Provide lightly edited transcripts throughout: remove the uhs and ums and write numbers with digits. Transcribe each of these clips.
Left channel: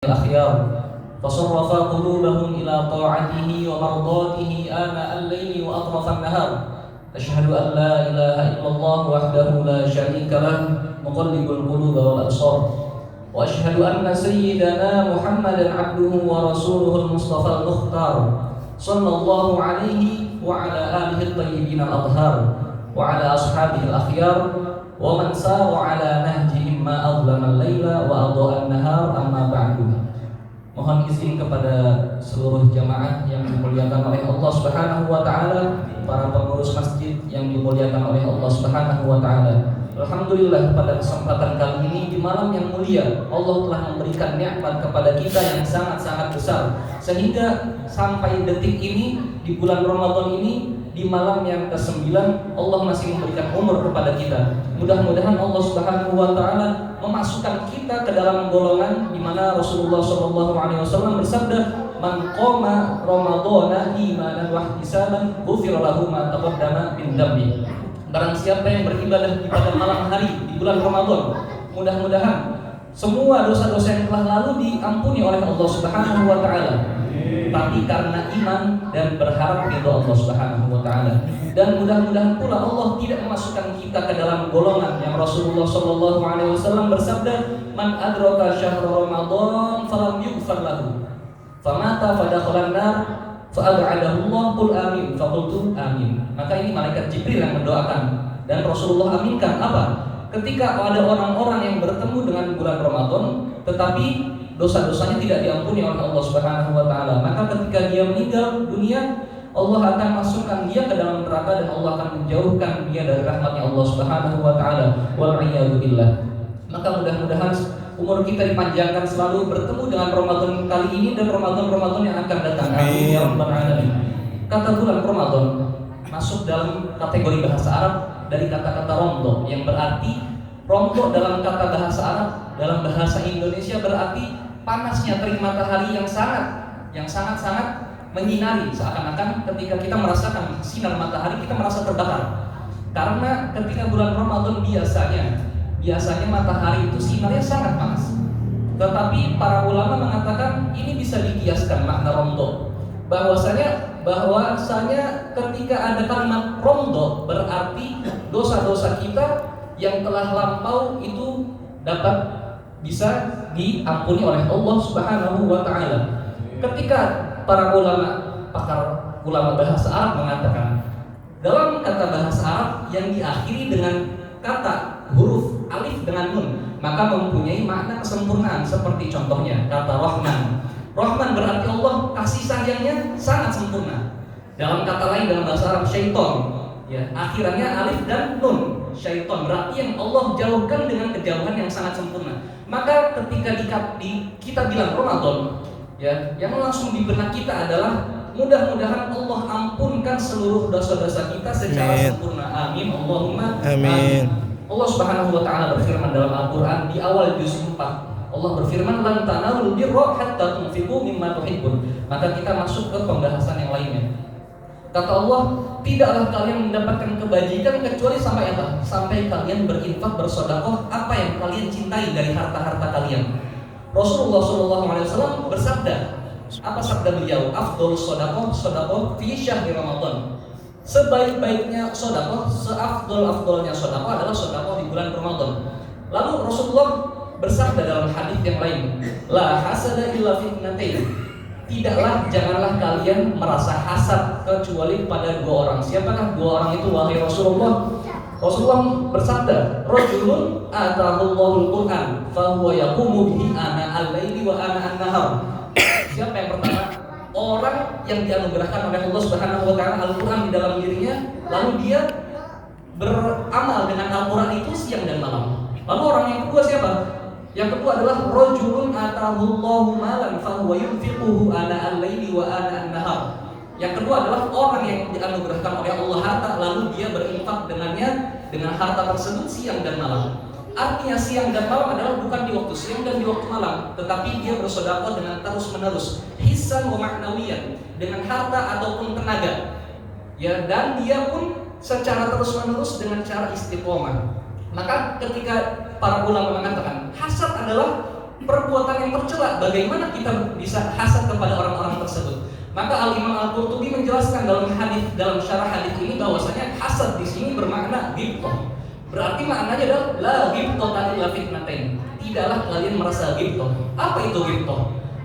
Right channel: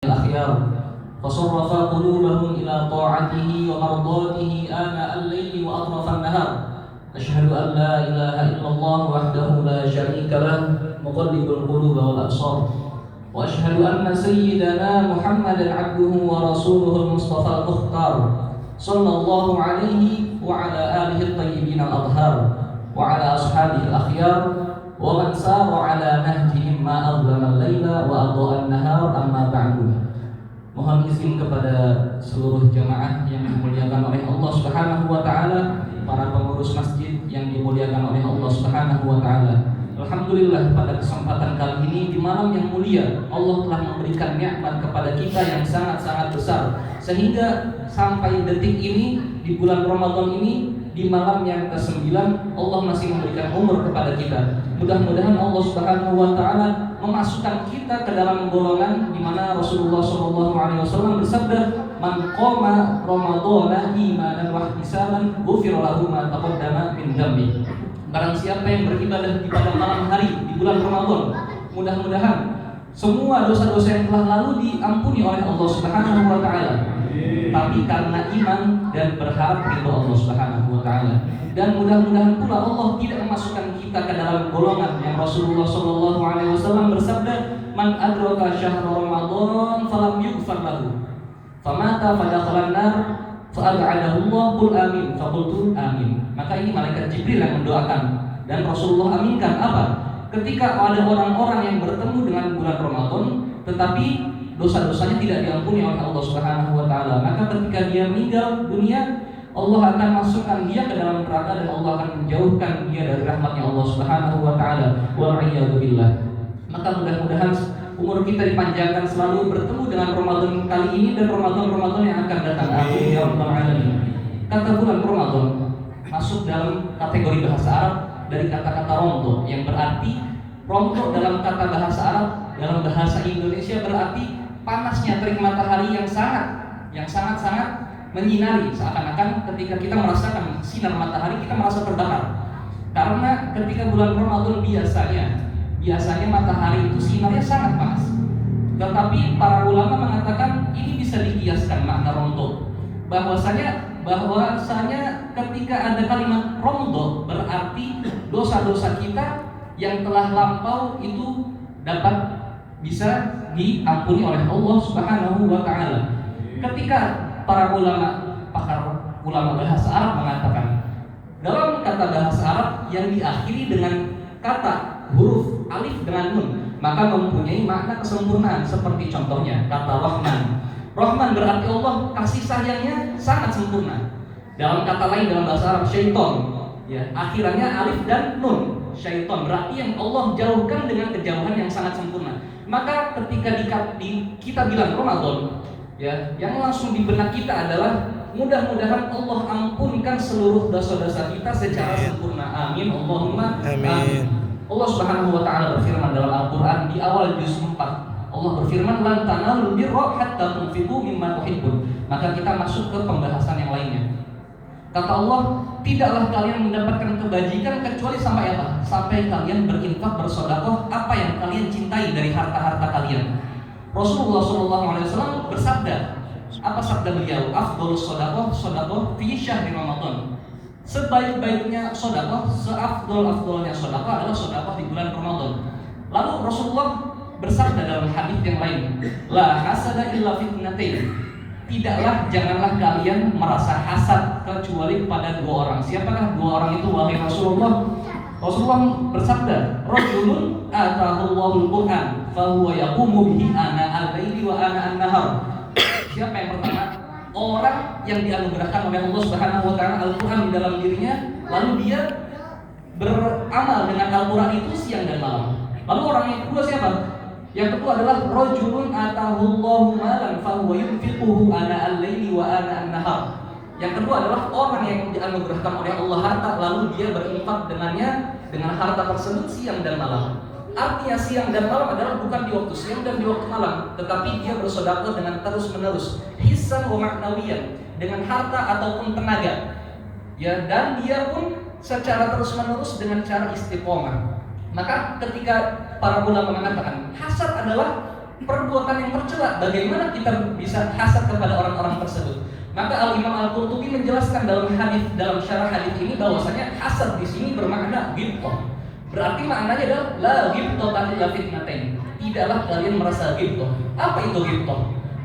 الأخيار فصرف قلوبهم إلى طاعته ومرضاته آناء الليل وأطراف النهار. أشهد أن لا إله إلا الله وحده لا شريك له مقلب القلوب والأبصار، وأشهد أن سيدنا محمدا عبده ورسوله المصطفى المختار صلى الله عليه وعلى آله الطيبين الأطهار وعلى أصحابه الأخيار ومن سار على نهجهم ما أظلم الليل وأضاء النهار. أما بعد. Mohon izin kepada seluruh jamaah yang dimuliakan oleh Allah Subhanahu wa taala, para pengurus masjid yang dimuliakan oleh Allah Subhanahu wa taala. Alhamdulillah, pada kesempatan kali ini di malam yang mulia Allah telah memberikan nikmat kepada kita yang sangat-sangat besar, sehingga sampai detik ini di bulan Ramadan ini, di malam yang ke-9 Allah masih memberikan umur kepada kita. Mudah-mudahan Allah Subhanahu wa taala memasukkan kita ke dalam golongan di mana Rasulullah SAW bersabda, "Man qama Ramadhana imanan wa ihtisaban ghufira lahu ma taqaddama min dhanbi." Barang siapa yang beribadah pada malam hari di bulan Ramadan, mudah-mudahan semua dosa-dosa yang telah lalu diampuni oleh Allah Subhanahu wa taala. Tapi karena iman dan berharap ridha Allah Subhanahu wa taala. Dan mudah-mudahan pula Allah tidak memasukkan kita ke dalam golongan yang Rasulullah SAW bersabda, "Man adraka syahr Ramadan falam yughfar lahu famata fadakhalan nar fa'ad'adahu Allah qul amin faqultu amin." Maka ini malaikat Jibril yang mendoakan dan Rasulullah aminkan apa? Ketika ada orang-orang yang bertemu dengan bulan Ramadan tetapi dosa-dosanya tidak diampuni oleh Allah Subhanahu wa taala, maka ketika dia meninggal dunia, Allah akan masukkan dia ke dalam neraka dan Allah akan menjauhkan dia dari rahmatnya Allah Subhanahu wa taala. Wal-'iyadu billah. Maka mudah-mudahan umur kita dipanjangkan selalu bertemu dengan Ramadan kali ini dan Ramadan-Ramadan yang akan datang. Amin ya rabbal alamin. Kata bulan Ramadan masuk dalam kategori bahasa Arab dari kata-kata romdo, yang berarti romdo dalam kata bahasa Arab, dalam bahasa Indonesia berarti panasnya terik matahari yang sangat-sangat menyinari, seakan-akan ketika kita merasakan sinar matahari kita merasa terbakar. Karena ketika bulan Ramadan biasanya matahari itu sinarnya sangat panas. Tetapi para ulama mengatakan ini bisa dikiaskan makna romdo, bahwasanya ketika ada kalimat romdo berarti dosa-dosa kita yang telah lampau itu dapat bisa diampuni oleh Allah Subhanahu wa taala. Ketika para pakar ulama bahasa Arab mengatakan dalam kata bahasa Arab yang diakhiri dengan kata huruf alif dengan nun, maka mempunyai makna kesempurnaan. Seperti contohnya kata Rahman. Rahman berarti Allah kasih sayangnya sangat sempurna. Dalam kata lain dalam bahasa Arab syaiton, ya, akhirannya alif dan nun. Syaiton berarti yang Allah jauhkan dengan kejauhan yang sangat sempurna. Maka ketika kita bilang Ramadan, ya, yang langsung di benak kita adalah mudah-mudahan Allah ampunkan seluruh dosa-dosa kita secara sempurna. Amin. Allahumma amin. Allah Subhanahu wa taala berfirman dalam Al-Qur'an di awal juz 4. Allah berfirman, "Lan tanalul birra hatta tunfiqu mimma tuhibbun." Maka kita masuk ke pembahasan yang lainnya. Kata Allah, tidaklah kalian mendapatkan kebajikan kecuali sampai apa? Sampai kalian berinfak, bersedekah apa yang kalian cintai dari harta-harta kalian. Rasulullah SAW bersabda, apa sabda beliau? Afdhalus shadaqah fi syahri Ramadan. Sebaik-baiknya sedekah, seafdal-afdalnya sedekah adalah sedekah di bulan Ramadan. Lalu Rasulullah bersabda dalam hadis yang lain, la hasada illa fitnatain. Janganlah kalian merasa hasad kecuali pada dua orang. Siapakah dua orang itu wahai Rasulullah? Rasulullah bersabda, rajulun atahullahu al-Qur'an fa huwa yaqumu bihi ana al-laili wa ana an-nahar. Siapa yang pertama? Orang yang dianugerahkan oleh Allah Subhanahu wa taala Al-Qur'an di dalam dirinya, lalu dia beramal dengan Al-Qur'an itu siang dan malam. Lalu orang yang kedua siapa? Yang kedua adalah rajulun atahullahu malan fa huwa yunfiquhu ana al-laili wa ana an-nahar. Yang kedua adalah orang yang dianugerahkan oleh Allah harta, lalu dia berinfak dengan harta tersebut siang dan malam. Artinya siang dan malam adalah bukan di waktu siang dan di waktu malam, tetapi dia bersedekah dengan terus-menerus, hissan wa ma'nawiyan, dengan harta ataupun tenaga. Ya, dan dia pun secara terus-menerus dengan cara istiqomah. Maka ketika para ulama mengatakan hasad adalah perbuatan yang tercela, bagaimana kita bisa hasad kepada orang-orang tersebut? Maka Al-Imam Al-Qurtubi menjelaskan dalam syarah hadis ini bahwasanya hasad di sini bermakna ghibthah. Berarti maknanya adalah la ghibthata illa fitnatain. Tidaklah kalian merasa ghibthah. Apa itu ghibthah?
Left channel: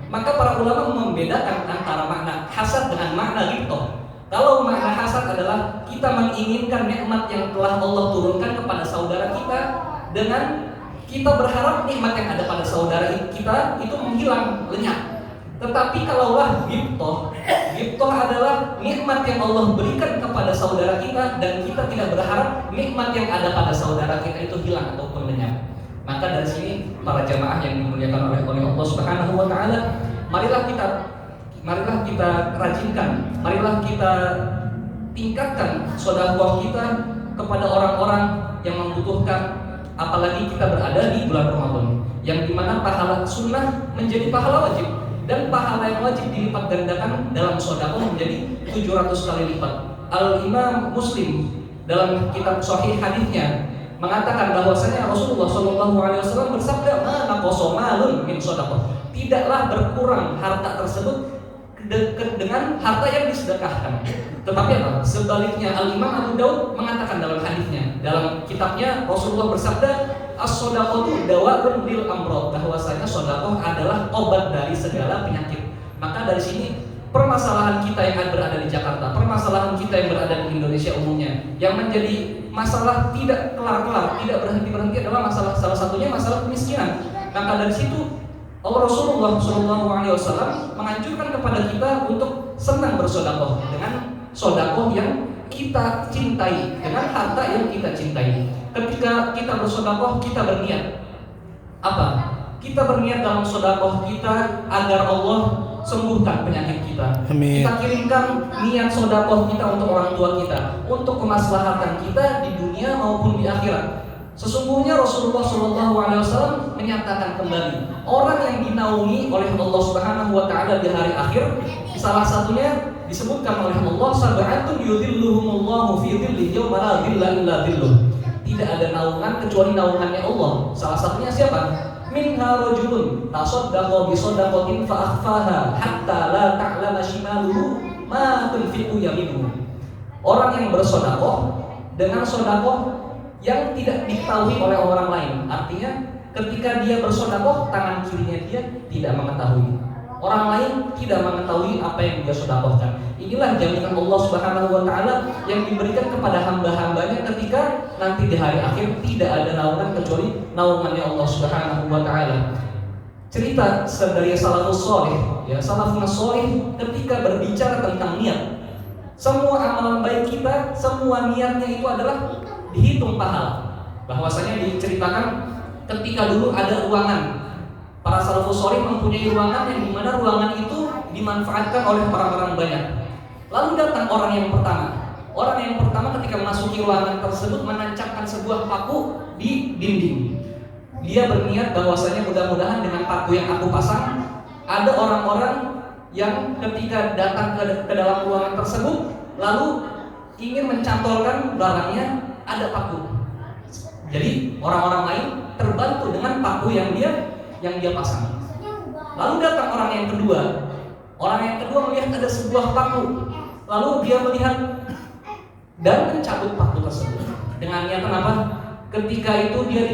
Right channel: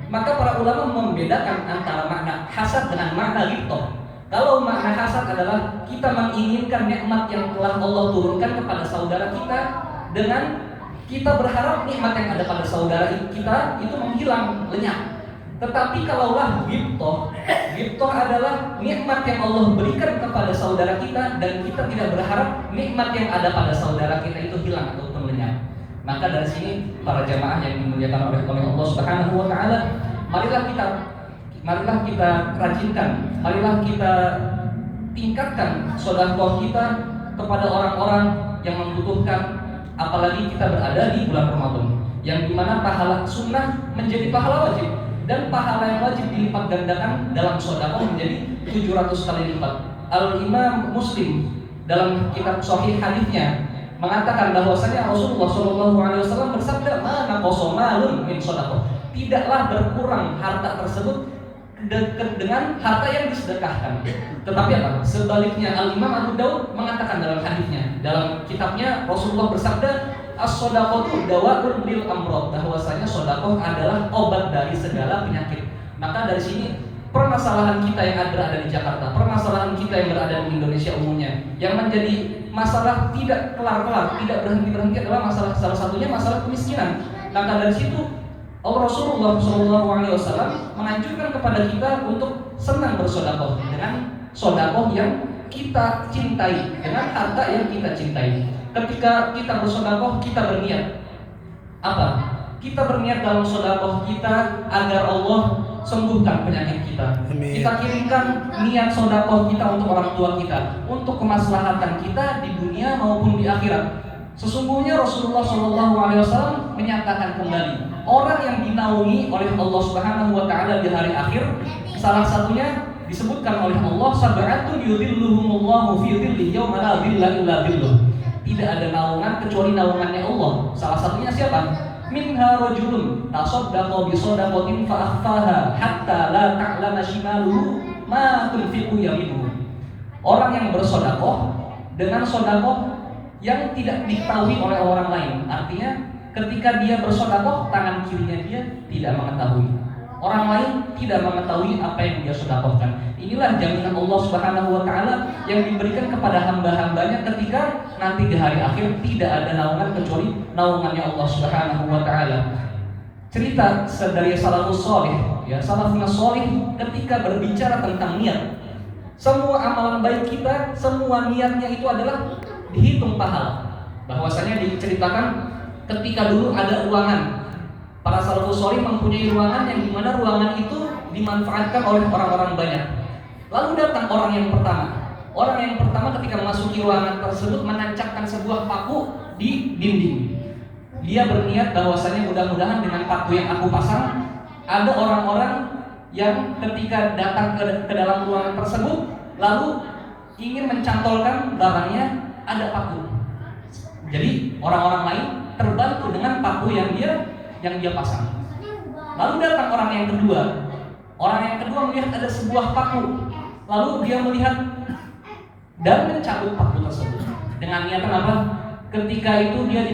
Maka para ulama membedakan antara makna hasad dengan makna ghibthah. Kalau makna hasad adalah kita menginginkan nikmat yang telah Allah turunkan kepada saudara kita dengan kita berharap nikmat yang ada pada saudara kita itu menghilang, lenyap. Tetapi kalaulah ghibthah adalah nikmat yang Allah berikan kepada saudara kita dan kita tidak berharap nikmat yang ada pada saudara kita itu hilang ataupun lenyap. Maka dari sini para jamaah yang dimuliakan oleh Allah Subhanahu wa taala, marilah kita rajinkan, marilah kita tingkatkan sedekah kita kepada orang-orang yang membutuhkan, apalagi kita berada di bulan Ramadan yang dimana pahala sunnah menjadi pahala wajib dan pahala yang wajib dilipat gandakan dalam sedekah menjadi 700 kali lipat. Al-Imam Muslim dalam kitab Sahih hadisnya mengatakan bahwasanya Rasulullah SAW bersabda, "Ma naqasa malun min sedekah." Tidaklah berkurang harta tersebut dengan harta yang disedekahkan. Tetapi apa? Sebaliknya Al-Imam Abu Daud mengatakan dalam hadisnya, dalam kitabnya Rasulullah bersabda, "As-shadaqatu dawa'un lil amrad." Bahwasanya sedekah adalah obat dari segala penyakit. Maka dari sini permasalahan kita yang berada di Jakarta, permasalahan kita yang berada di Indonesia umumnya, yang menjadi masalah tidak kelar-kelar, tidak berhenti-berhenti adalah salah satunya masalah kemiskinan. Maka dari situ Rasulullah SAW menganjurkan kepada kita untuk senang bersedekah dengan sedekah yang kita cintai, dengan harta yang kita cintai. Ketika kita bersedekah, kita berniat apa? Kita berniat dalam sedekah kita agar Allah sembuhkan penyakit kita. Amin. Kita kirimkan niat sedekah kita untuk orang tua kita, untuk kemaslahatan kita di dunia maupun di akhirat. Sesungguhnya Rasulullah SAW menyatakan kembali, orang yang dinaungi oleh Allah Subhanahu wa taala di hari akhir, salah satunya disebutkan oleh Allah, sab'atun yudhilluhumullahu fi dhillihi yauma la dhilla illa dhilluh. Tidak ada naungan kecuali naungannya Allah. Salah satunya siapa? Minha rajulun tasaddaqa bi shadaqatin fa akhfaha hatta la ta'lama shimaluhu ma tunfiqu yaminuhu. Orang yang bersedekah dengan sedekah yang tidak diketahui oleh orang lain. Artinya ketika dia bersedekah, tangan kirinya dia tidak mengetahui. Orang lain tidak mengetahui apa yang dia sedekahkan. Inilah jaminan Allah Subhanahu wa taala yang diberikan kepada hamba-hambanya ketika nanti di hari akhir tidak ada naungan kecuali naungannya Allah Subhanahu wa taala. Cerita dari salafus salih, ya, salafus salih ketika berbicara tentang niat. Semua amalan baik kita, semua niatnya itu adalah dihitung pahala. Bahwasanya diceritakan ketika dulu ada ruangan, para salafus salih mempunyai ruangan yang dimana ruangan itu dimanfaatkan oleh orang-orang banyak. Lalu datang orang yang pertama. Orang yang pertama ketika memasuki ruangan tersebut menancapkan sebuah paku di dinding. Dia berniat bahwasanya mudah-mudahan dengan paku yang aku pasang, ada orang-orang yang ketika datang ke dalam ruangan tersebut lalu ingin mencantolkan barangnya, ada paku. Jadi orang-orang lain terbantu dengan paku yang dia pasang. Lalu datang orang yang kedua. Orang yang kedua melihat ada sebuah paku. Lalu dia melihat dan mencabut paku tersebut. Dengan niatan apa? Ketika itu dia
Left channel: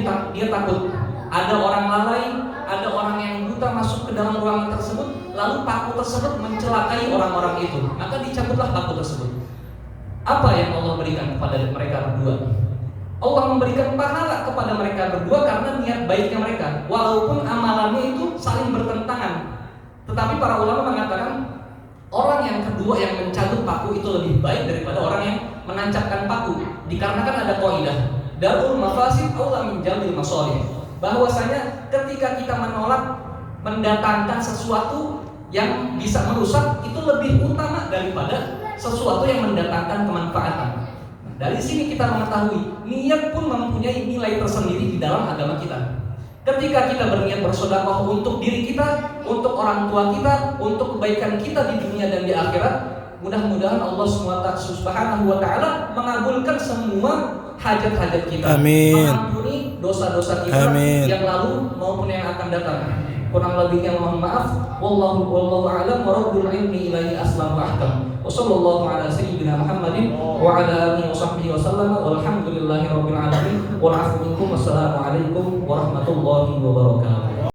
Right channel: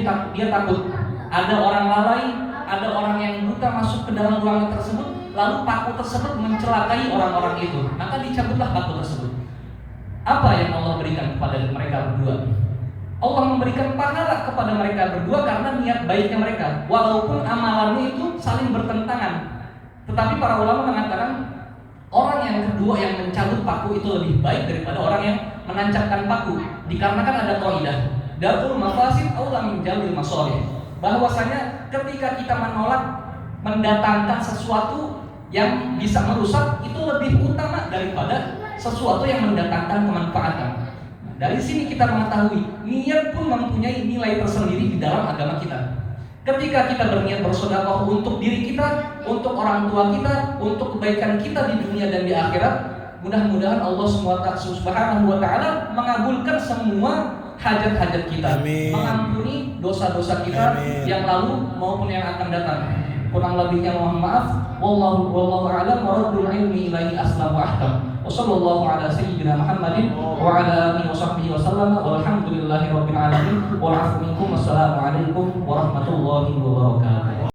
takut ada orang lalai, ada orang yang buta masuk ke dalam ruangan tersebut, lalu paku tersebut mencelakai orang-orang itu. Maka dicabutlah paku tersebut. Apa yang Allah berikan kepada mereka berdua? Allah memberikan pahala kepada mereka berdua karena niat baiknya mereka, walaupun amalannya itu saling bertentangan. Tetapi para ulama mengatakan orang yang kedua yang mencabut paku itu lebih baik daripada orang yang menancapkan paku, dikarenakan ada kaidah darul mafasid aula min jalbil masalih, bahwasanya ketika kita menolak mendatangkan sesuatu yang bisa merusak itu lebih utama daripada sesuatu yang mendatangkan kemanfaatan. Dari sini kita mengetahui niat pun mempunyai nilai tersendiri di dalam agama kita. Ketika kita berniat bersedekah untuk diri kita, untuk orang tua kita, untuk kebaikan kita di dunia dan di akhirat, mudah-mudahan Allah Subhanahu wa taala mengabulkan semua hajat-hajat kita. Amin. Mengampuni dosa-dosa kita. Amin. Yang lalu maupun yang akan datang. Kurang lebihnya mohon maaf. Wallahu a'lam wa rabbul ilmi ilaihi aslam wa ahkam. Wa sallallahu ala sayyidina Muhammadin wa ala alihi wa sahbihi wa sallam. Walhamdulillahi rabbil alamin. Wal 'afwu minkum. Wassalamu alaikum warahmatullahi wabarakatuh.